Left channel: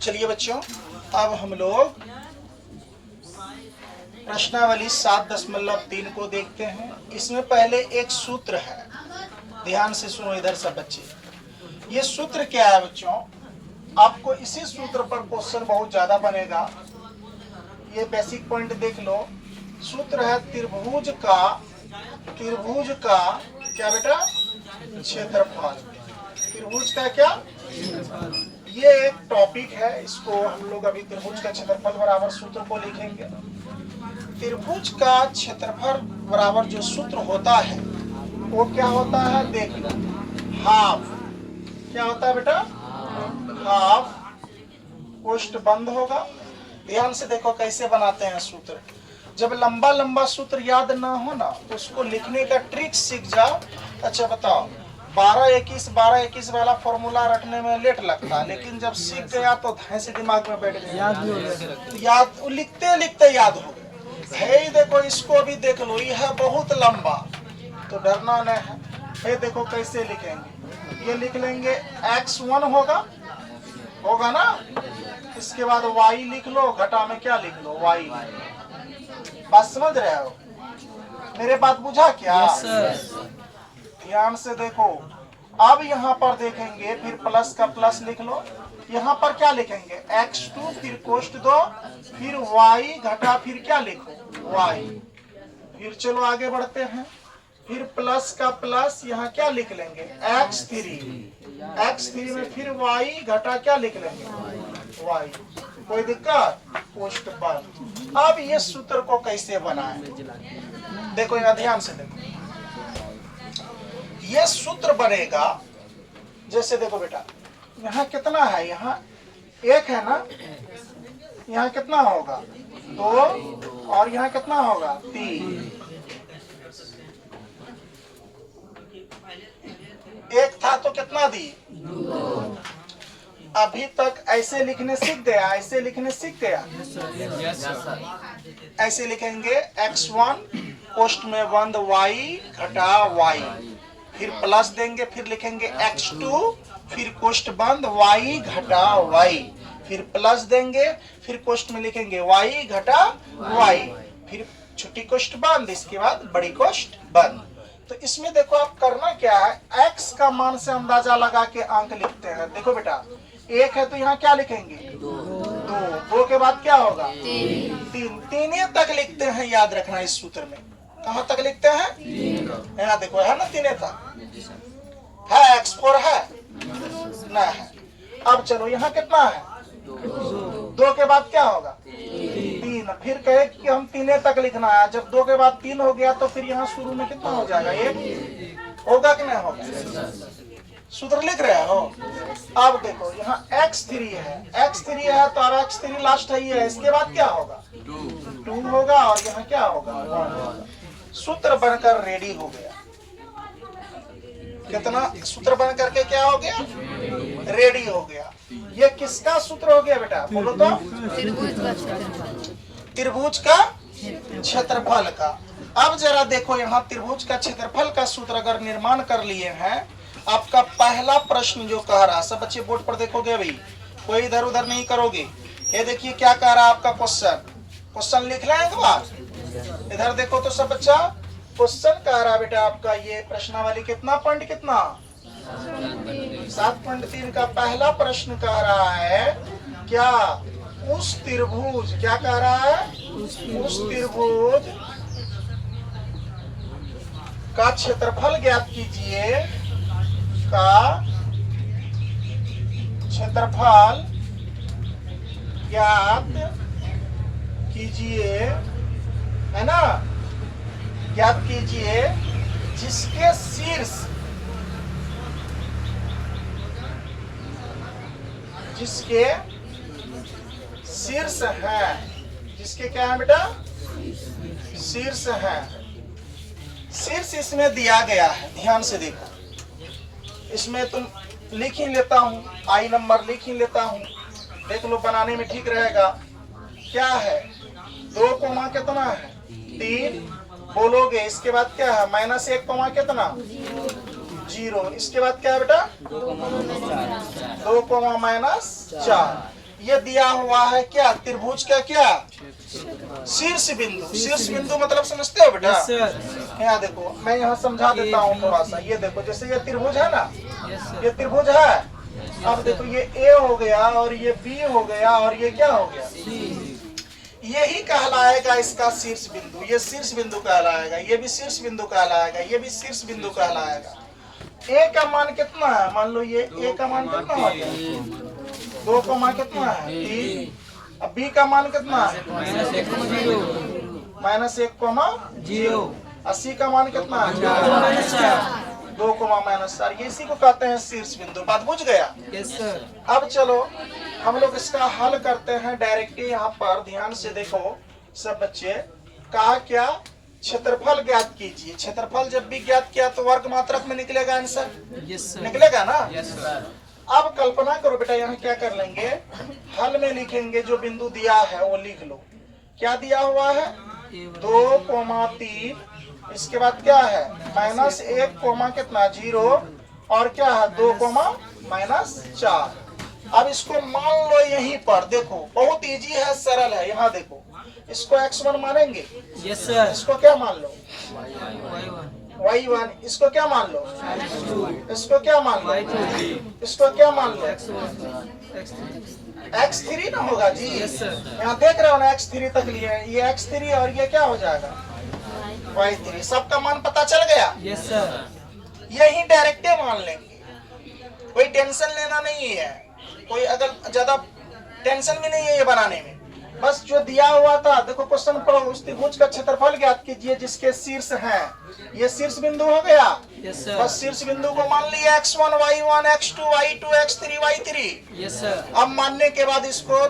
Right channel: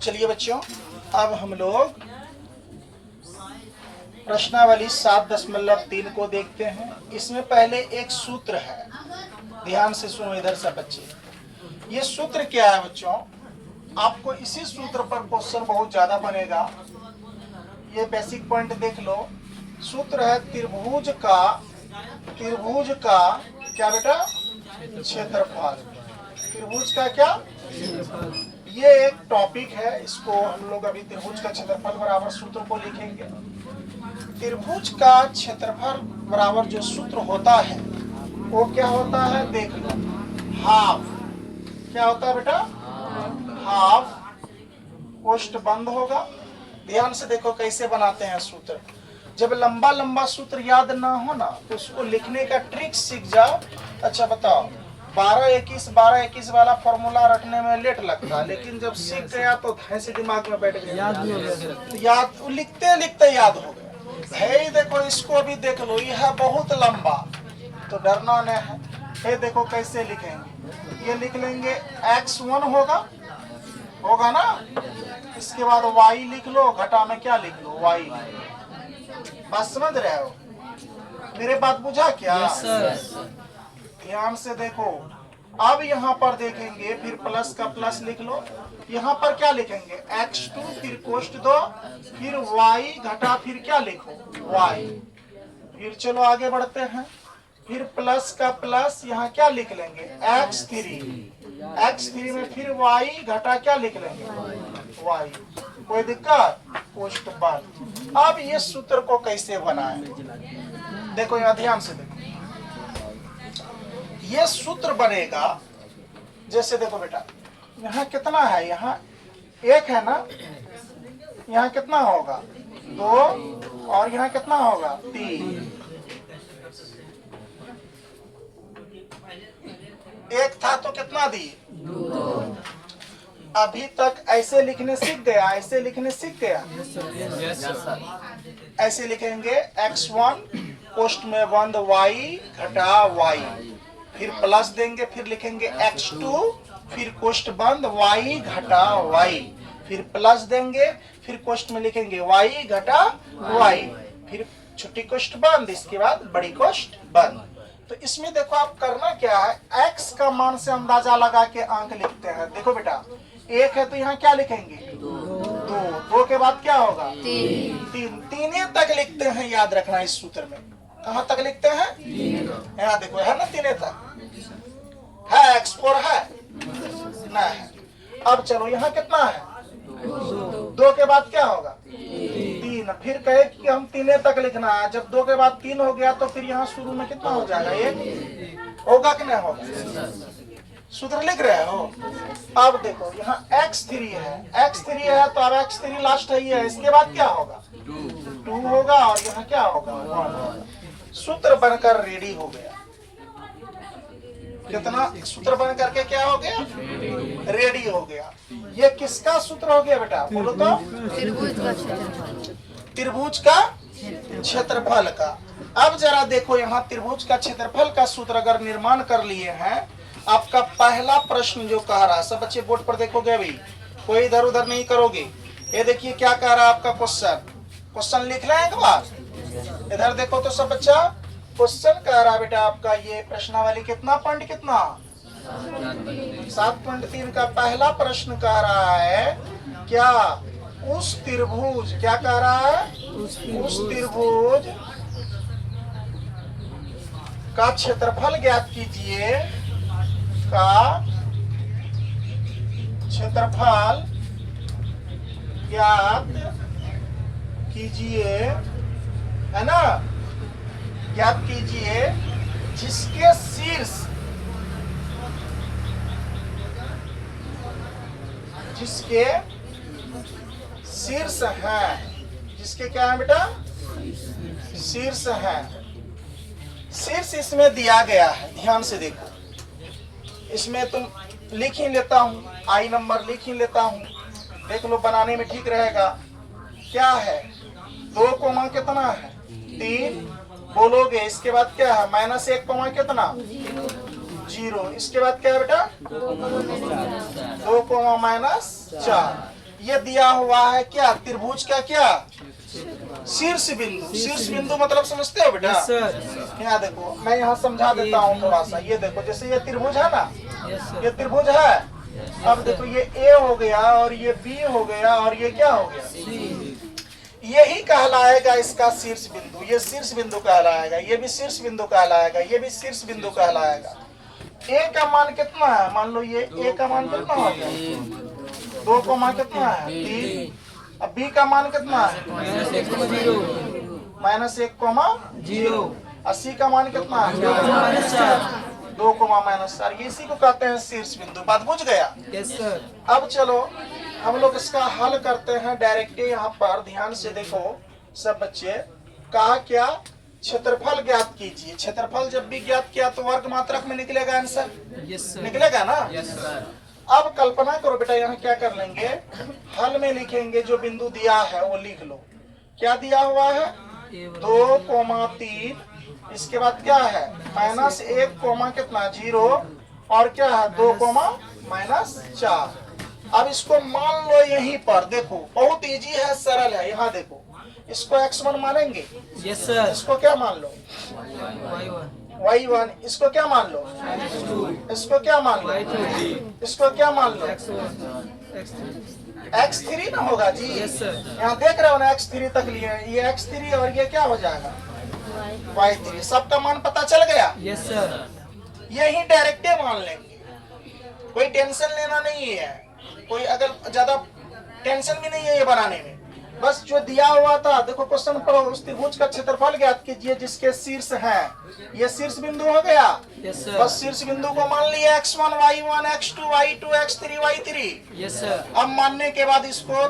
चलिए बच्चों, अब हम लोग प्रश्नावली 7.3 को देखते हैं। इसमें पहले एक सूत्र है, ध्यान से सुनो इधर सब बच्चे। ये सूत्र क्या है बच्चों? आपको इसी सूत्र पर क्वेश्चन बहुत ज्यादा बनेगा। ये बेसिक पॉइंट देख लो। सूत्र है त्रिभुज का क्या बेटा? क्षेत्रफल। त्रिभुज का क्या? ये एक टॉपिक है, इसको हम लोग अभी त्रिभुज का क्षेत्रफल बराबर सूत्र को लिखेंगे। त्रिभुज का क्षेत्रफल बराबर जो सूत्र होता है वो क्या होता है? देख लो, हाफ। क्या होता है बेटा? हाफ। कोष्ठ बंद होगा। ध्यान से देखो कैसे बनाते हैं सूत्र। जब लंबा लंबा सूत्र याद ना हो ना तो उसको लिखने का ट्रिक सीख जाओ। अच्छा बताओ, 12-21 वाला फॉर्मूला रखने में लेट लगता है, लेकिन जब सीख गया तो धैर्य से दिमाग में बैठ गया, याद लिखते लिखते याद हो गया। है देखो, इसको भी देख लो, यह है बहुत लंबा, तो डरना नहीं है। ये देखो कैसे लिखेंगे, ये लिख लेंगे x1 होगा ना। इसके बाद y लिख लो, घटा में क्या लिख लो? y। बात समझ रहे हो? मेरे बात बुझा क्या? ध्यान से देखो। अब यहाँ पर देखेंगे, फिर प्लस का प्लस लिख लो। यहाँ पर क्या लिखेंगे? x2, फिर कोष्ठ 2, फिर y घटा, फिर क्या लिखो? y। फिर चलो आगे बढ़ते हैं। फिर प्लस का प्लस यहाँ क्या लिख लेंगे? x3 में फिर y घटा क्या लिख लेंगे? y। कोई दिक्कत? कोष्ठ बंद। अब ये सूत्र को कैसे बनाएं? देखो यहाँ ध्यान से देखो। ये सूत्र बनेगा जैसे, देखो बेटा, यहाँ कितना है? यहाँ 1 है ना। यहाँ कितना होगा? 2। और यहाँ कितना होगा? 3। 1 था तो कितना दी? 2। अभी तक ऐसे लिखने सीख गया? ऐसे लिखने सीख गया? ऐसे लिखेंगे x1 कोष्ठ में बंद y घटा y, फिर प्लस देंगे, फिर लिखेंगे x2, फिर कोष्ठ बंद y घटा y, फिर प्लस देंगे, फिर कोष्ठ में लिखेंगे y घटा y, फिर छोटी कोष्ठ बंद, इसके बाद बड़ी कोष्ठ बंद। तो इसमें देखो आप करना क्या है, x का मान से अंदाजा लगा के अंक लिखते हैं। देखो बेटा, 1 है तो यहाँ क्या लिखेंगे? 2 के बाद क्या होगा? 3 तक लिखते हैं, याद रखना इस सूत्र में। कहाँ तक लिखते हैं? यहाँ देखो, है ना 3 तक है। x4 है ना? है। अब चलो यहाँ कितना है? 2 के बाद क्या होगा? 3। फिर कहे कि हम 3 तक लिखना है। जब 2 के बाद 3 हो गया तो फिर यहाँ शुरू में कितना हो जाएगा? 1 होगा कि नहीं होगा? सूत्र लिख रहे हो? अब देखो यहाँ x3 है तो अब x3 लास्ट है, ये इसके बाद क्या होगा? 2 होगा, और यहाँ क्या होगा? 1। सूत्र बनकर रेडी हो गया। कितना सूत्र बन करके क्या हो गया? रेडी हो गया। ये किसका सूत्र हो गया बेटा? बोलो तो। त्रिभुज का क्षेत्रफल का। अब जरा देखो, यहाँ त्रिभुज का क्षेत्रफल का सूत्र अगर निर्माण कर लिए हैं, आपका पहला प्रश्न जो कह रहा, सब बच्चे बोर्ड पर देखोगे अभी, कोई इधर उधर नहीं करोगे। ये देखिए क्या कह रहा है आपका क्वेश्चन लिख रहे हैं एक बार। इधर देखो तो सब बच्चा, क्वेश्चन कह रहा बेटा आपका ये प्रश्नावली कितना पॉइंट कितना? 7.3 का पहला प्रश्न कह रहा है क्या? उस त्रिभुज, क्या कह रहा है? उस त्रिभुज का क्षेत्रफल ज्ञात कीजिए, का क्षेत्रफल ज्ञात कीजिए, है ना? ज्ञात कीजिए जिसके शीर्ष है। जिसके क्या है बेटा? शीर्ष है। शीर्ष इसमें दिया गया है, ध्यान से देखो। इसमें तुम लिख ही लेता हूँ, आई नंबर लिख ही लेता हूँ, देख लो बनाने में ठीक रहेगा। क्या है? 2 कोमा कितना है? 3 बोलोगे। इसके बाद क्या है? -1 कोमा कितना? 0। इसके बाद क्या है बेटा 2 कोमा माइनस 4। ये दिया हुआ है क्या त्रिभुज का क्या शीर्ष बिंदु। शीर्ष बिंदु मतलब समझते हो बेटा। यहाँ देखो मैं यहाँ समझा देता हूँ थोड़ा सा। ये देखो जैसे ये त्रिभुज है ना, ये त्रिभुज है। अब देखो ये ए हो गया और ये बी हो गया और ये क्या हो गया, यही कहलाएगा इसका शीर्ष बिंदु। ये शीर्ष बिंदु कहलाएगा, ये भी शीर्ष बिंदु कहलाएगा, ये भी शीर्ष बिंदु कहलाएगा। ए का मान कितना है, मान लो ये ए का मान कितना हो गया 2 का मान कितना है 3। अब बी का मान कितना है -1,0। 80 का मान कितना है 2 -4। ये इसी को कहते हैं शीर्ष बिंदु। बात बुझ गया। Yes sir. अब चलो हम लोग इसका हल करते हैं डायरेक्ट। यहाँ पर ध्यान से देखो सब बच्चे। कहा क्या क्षेत्रफल ज्ञात कीजिए। क्षेत्रफल जब भी ज्ञात किया तो वर्ग मात्रक में निकलेगा आंसर। Yes sir. निकलेगा ना। Yes sir. अब कल्पना करो बेटा, यहाँ क्या कर लेंगे, हल में लिखेंगे जो बिंदु दिया है वो लिख लो। क्या दिया हुआ है 2,3। इसके बाद क्या है -1, कितना 0 और क्या है 2, -4। अब इसको मान लो यहीं पर। देखो बहुत इजी है, सरल है। यहाँ देखो इसको x1 मानेंगे। Yes sir. इसको क्या मान लो y1। y1। इसको क्या मान लो इसको क्या मान लो y2। इसको क्या मान लो x1 x3 ना होगा जी। Yes sir. यहाँ देख रहे हो ना x3 तक लिए। ये x3 और ये क्या हो जाएगा y3। सबका मान पता चल गया। Yes sir. यही डायरेक्टे मान लेंगे, कोई टेंशन लेना नहीं है। कोई अगर ज्यादा टेंशन भी नहीं है ये बनाने में। बस जो दिया हुआ था देखो क्वेश्चन पढ़ो। उस त्रिभुज का क्षेत्रफल ज्ञात कीजिए जिसके शीर्ष है। ये शीर्ष बिंदु हो गया। Yes sir. बस शीर्ष बिंदु को मान लिया x1 y1 x2 y2 x3 y3। Yes sir. अब मानने के बाद इसको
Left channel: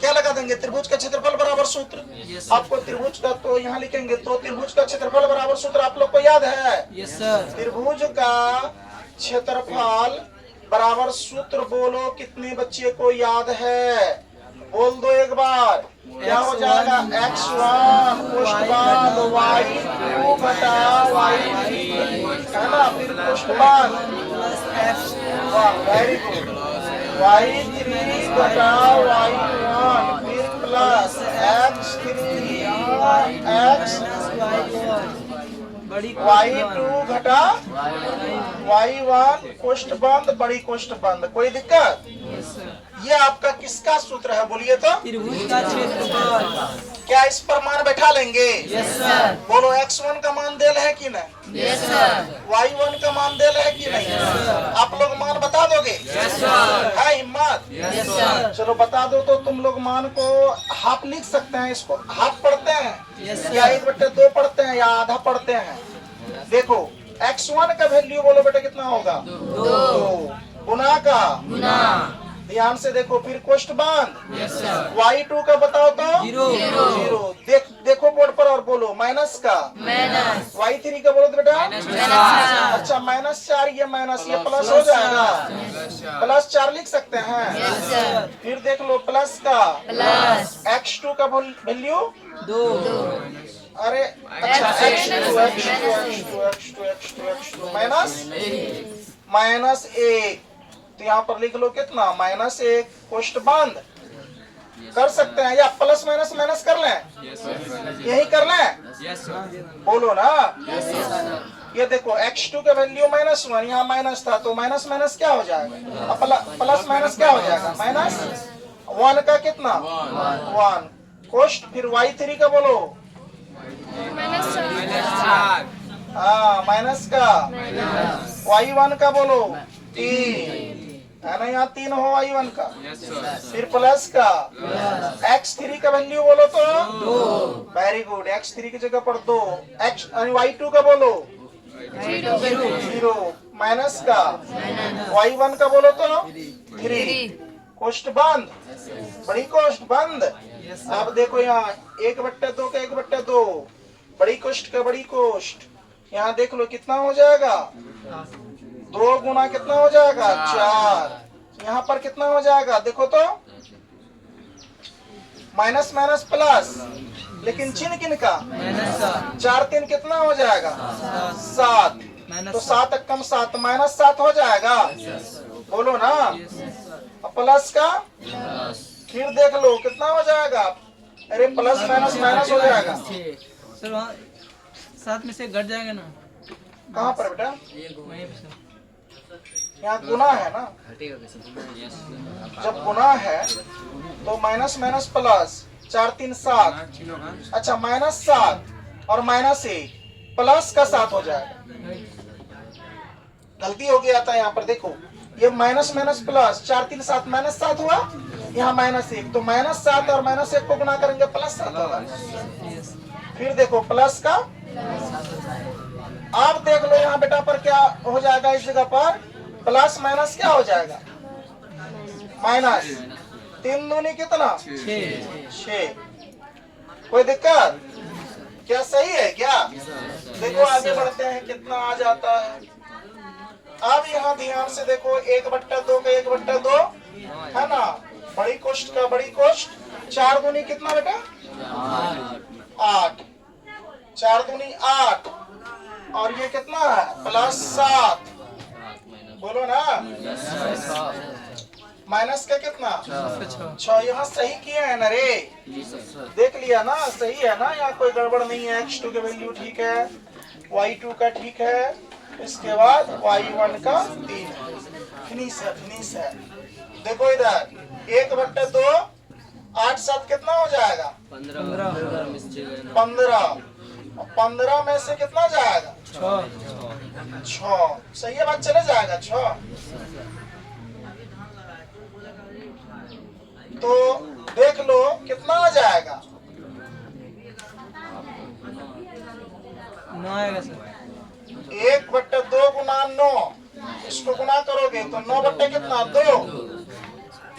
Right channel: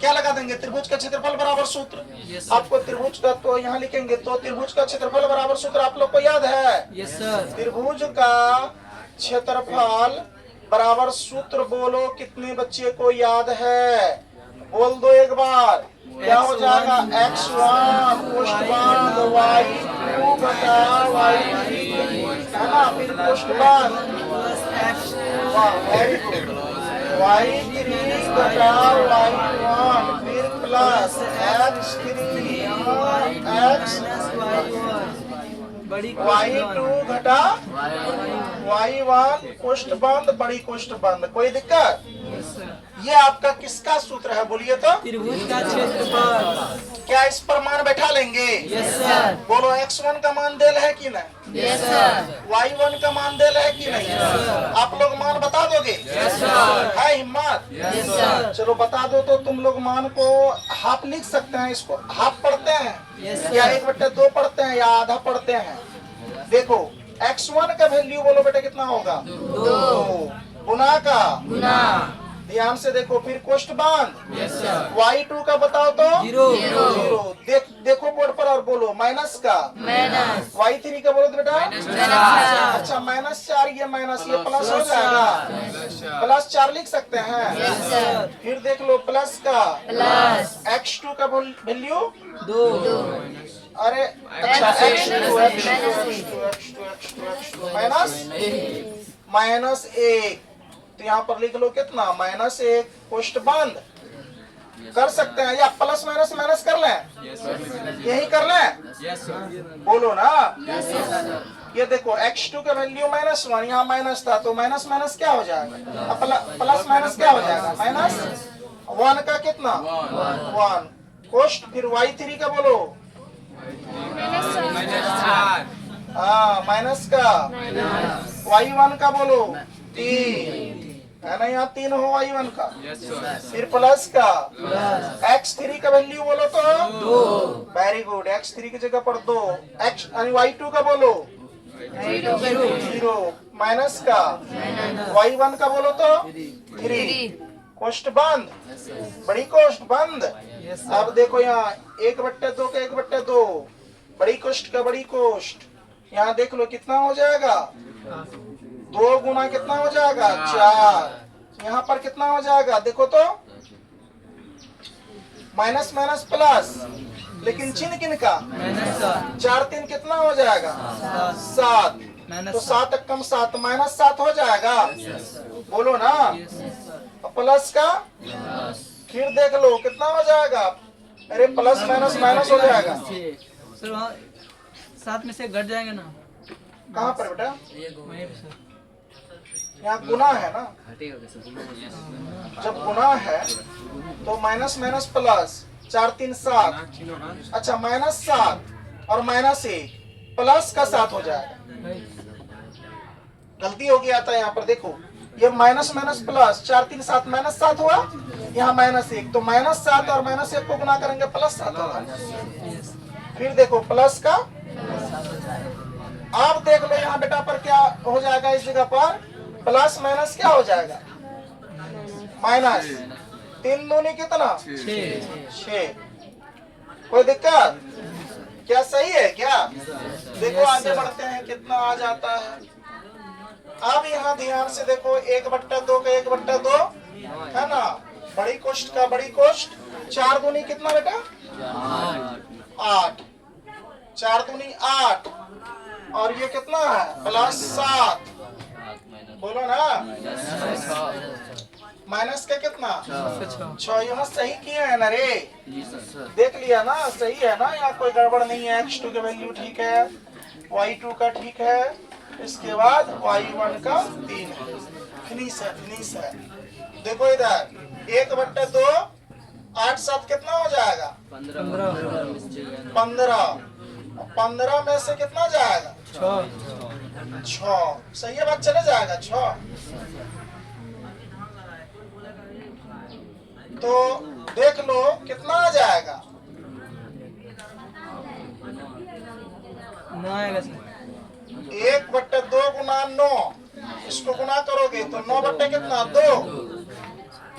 क्या लगा देंगे, त्रिभुज का क्षेत्रफल बराबर सूत्र। Yes sir. आपको त्रिभुज का तो यहाँ लिखेंगे तो त्रिभुज का क्षेत्रफल बराबर सूत्र आप लोग को याद है। Yes sir. त्रिभुज का क्षेत्रफल बराबर सूत्र बोलो, कितने बच्चे को याद है, बोल दो एक बार। क्या हो जाएगा x1 पुष्टबांध y2 घटा y3 है ना, फिर पुष्टबांध वेरी गुड y3 घटा y1 फिर प्लस x3 बड़ी y2 घटा y1 पुष्टबंध बड़ी पुष्टबंध। कोई दिक्कत। Yes sir. ये आपका किसका सूत्र है बोलिए तो। त्रिभुज का क्षेत्रफल। क्या इस पर मान बैठा लेंगे। Yes sir. बोलो x1 का मान देल है कि नहीं, यस सर। y1 का मान देल है कि नहीं। आप लोग मान बता दोगे। Yes sir. है हिम्मत। Yes sir. चलो बता दो तो तुम लोग मान को हाफ लिख सकते हैं। इसको हाफ पढ़ते हैं यस या सर। 1/2 पढ़ते हैं या आधा पढ़ते हैं। देखो x1 का वैल्यू बोलो बेटा कितना होगा 2 गुना का गुना। ध्यान से देखो फिर कोष्ठबांध। Yes sir. y2 का बताओ तो 0। देखो बोर्ड पर और बोलो माइनस का माइनस। y3 का बोलो तो बेटा -4। अच्छा -4 ये माइनस ये प्लस हो जाएगा। +4 लिख सकते हैं। Yes sir. फिर देख लो प्लस का प्लस x2 का वैल्यू 2। अरे -1 तो यहाँ पर लिख लो कितना -1 कोष्ठबांध कर सकते हैं या प्लस माइनस माइनस कर लें। यही कर लें बोलो ना। ये देखो x2 का वैल्यू -1 यहाँ माइनस था तो माइनस माइनस क्या हो जाएगा, प्लस माइनस क्या हो जाएगा -1 का कितना 1 कोष्ठ। फिर y3 का बोलो माइनस का y1 का बोलो 3 है ना, यहाँ 3 हो y1 का। फिर प्लस का x3 का वैल्यू बोलो तो 2। वेरी गुड x3 की जगह पर 2 x y2 का बोलो 0 माइनस का y1 का बोलो तो 3 कोष्ठ बंद बड़ी कोष्ठ बंद। अब देखो यहाँ 1/2 का 1/2 बड़ी कोष्ठ का बड़ी कोष्ठ। यहाँ देख लो कितना हो जाएगा 2 गुना कितना हो जाएगा 4। यहाँ पर कितना हो जाएगा देखो तो माइनस माइनस प्लस, लेकिन चिन्ह किन का 4 3 कितना हो जाएगा 7। तो 7 एकम 7 -7 हो जाएगा। बोलो ना। प्लस का फिर देख लो कितना हो जाएगा। अरे प्लस माइनस माइनस हो जाएगा। सर वहाँ 7 में से घट जाएंगे ना। कहाँ पर बेटा? वहीं पे सर। यहाँ गुना है ना। जब गुना है तो माइनस माइनस प्लस 4 3 7। अच्छा -7 और -1 प्लस का 7 हो जाएगा। गलती हो गया था यहाँ पर देखो। ये माइनस माइनस प्लस 4 3 7 -7 हुआ। यहाँ -1 तो -7 और -1 को गुना करेंगे +7 होगा। फिर देखो प्लस का। आप देख लो यहाँ बेटा पर क्या हो जाएगा। इस जगह पर प्लस माइनस क्या हो जाएगा? माइनस। 3 दूनी कितना? 6। कोई दिक्कत? क्या सही है क्या? देखो आगे बढ़ते हैं कितना आ जाता है। अब यहाँ ध्यान से देखो 1/2 का 1/2 है ना। बड़ी कोष्ठ का बड़ी कोष्ठ। 4 दूनी कितना बेटा? 8। 4 दूनी 8 और ये कितना है? +7। बोलो ना। माइनस का कितना? 6। यहाँ सही किया है ना रे? देख लिया ना? सही है ना? यहाँ कोई गड़बड़ नहीं है। x2 का वैल्यू ठीक है, y2 का ठीक है, इसके बाद y1 का 3 है। फिनिश है, फिनिश है। देखो इधर 1/2 8 7 कितना हो जाएगा? 15। 15 में से कितना जाएगा? 6। सही है बात, चले जाएगा 6। तो देख लो कितना आ जाएगा। 9 आएगा सर। 1/2 गुना 9। इसको गुना करोगे तो 9 कितना? 2।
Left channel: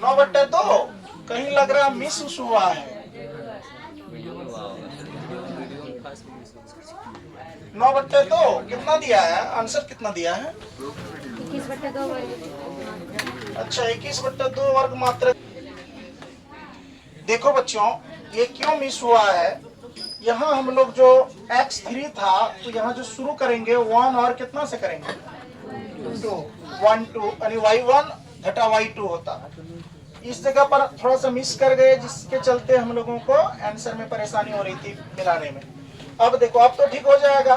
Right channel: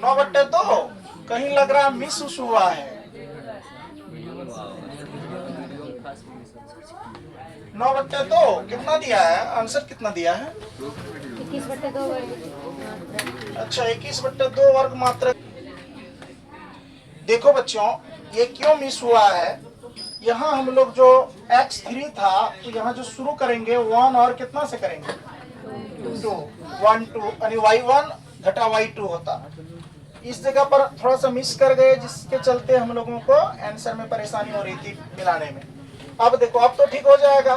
9/2 कहीं लग रहा मिस हुआ है। 9/2 कितना दिया है? आंसर कितना दिया है? 21/2 अच्छा 21/2 वर्ग मात्रा। देखो बच्चों ये क्यों मिस हुआ है। यहाँ हम लोग जो x3 था तो यहाँ जो शुरू करेंगे 1 और कितना से करेंगे? 2 1 2 यानी y1 घटा y2 होता। इस जगह पर थोड़ा सा मिस कर गए जिसके चलते हम लोगों को आंसर में परेशानी हो रही थी मिलाने में। अब देखो अब तो ठीक हो जाएगा।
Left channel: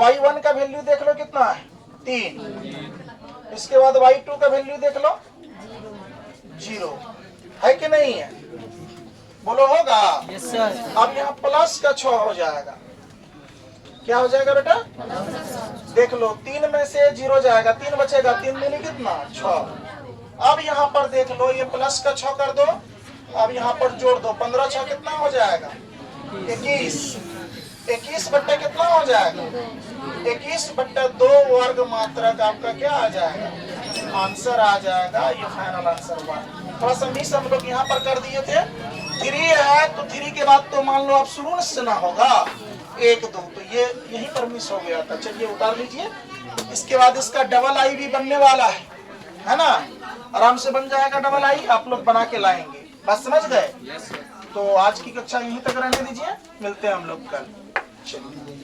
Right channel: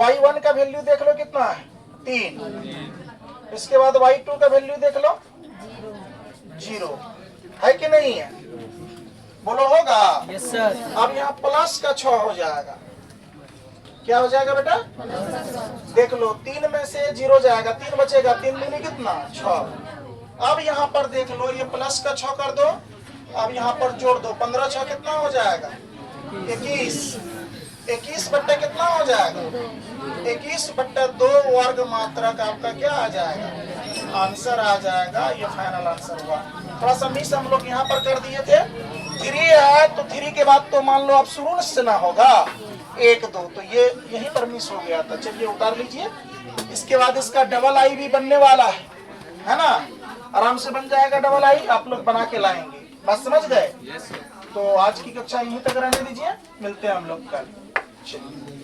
y1 का वैल्यू देख लो कितना है? 3। इसके बाद y2 का वैल्यू देख लो 0 है कि नहीं है? बोलो होगा? Yes sir. अब यहाँ प्लस का 6 हो जाएगा। क्या हो जाएगा बेटा? देख लो 3 में से 0 जाएगा, 3 बचेगा। 3 दूनी कितना? 6। अब यहाँ पर देख लो ये प्लस का 6 कर दो। अब यहाँ पर जोड़ दो। 15 6 कितना हो जाएगा? 21। 21 बट्टे कितना हो जाएगा? 21/2 वर्ग मात्रा का आपका क्या आ जाएगा? आंसर आ जाएगा। ये फाइनल आंसर हुआ। थोड़ा सा मिस हम लोग यहाँ पर कर दिए थे। 3 है तो 3 के बाद तो मान लो आप शुरू से ना होगा 1 2 तो ये यहीं पर मिस हो गया था। चलिए उतार लीजिए। इसके बाद इसका डबल आई भी बनने वाला है ना। आराम से बन जाएगा डबल आई। आप लोग बना के लाएंगे। बात समझ गए? तो आज की कक्षा यहीं तक रहने दीजिए। मिलते हैं हम लोग कल। चलिए।